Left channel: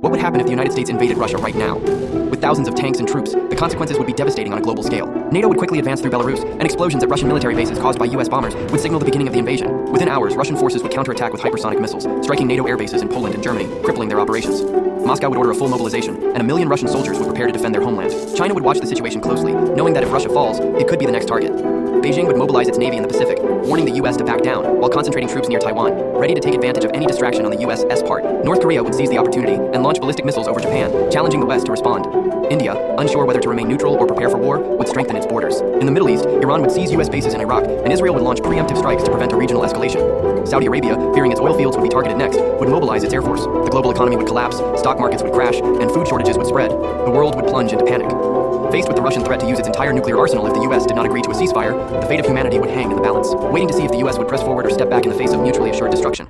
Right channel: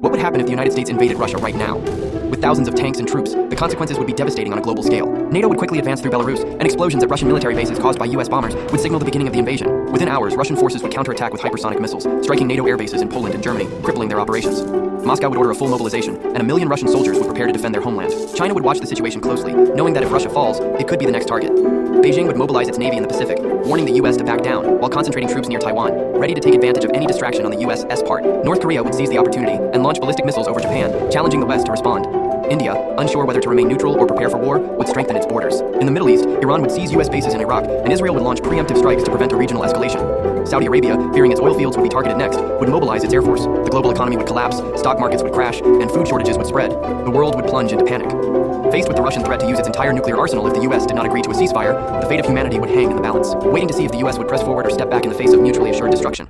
What would happen if the United States invaded Russia right now? With thousands of tanks and troops, the consequences would be devastating on a global scale. NATO would quickly advance through Belarus, and explosions at Russian military bases caused by US bombers would signal the beginning of the invasion. Within hours, Russian forces would counterattack with hypersonic missiles, striking NATO air bases in Poland and Germany, crippling their operations. Moscow would order a full mobilization, and 1 million Russian soldiers would prepare to defend their homeland. China would watch the situation closely, knowing that if Russia falls, it could be the next target. Beijing would mobilize its navy in the Pacific, warning the US to back down, while concentrating troops near Taiwan, ready to take advantage of any distraction on the US's part. North Korea would seize the opportunity and launch ballistic missiles over Japan, challenging the West to respond. India, unsure whether to remain neutral or prepare for war, would strengthen its borders. In the Middle East, Iran would seize US bases in Iraq, and Israel would launch preemptive strikes to prevent a regional escalation. Saudi Arabia, fearing its oil fields would be targeted next, would mobilize its air force. The global economy would collapse, stock markets would crash, and food shortages would spread. The world would plunge into panic. Faced with the Russian threat to use its entire nuclear arsenal if the US did not agree to a ceasefire, the fate of humanity would hang in the balance, waiting to see if the US would press forward or step back in the face of mutually assured destruction.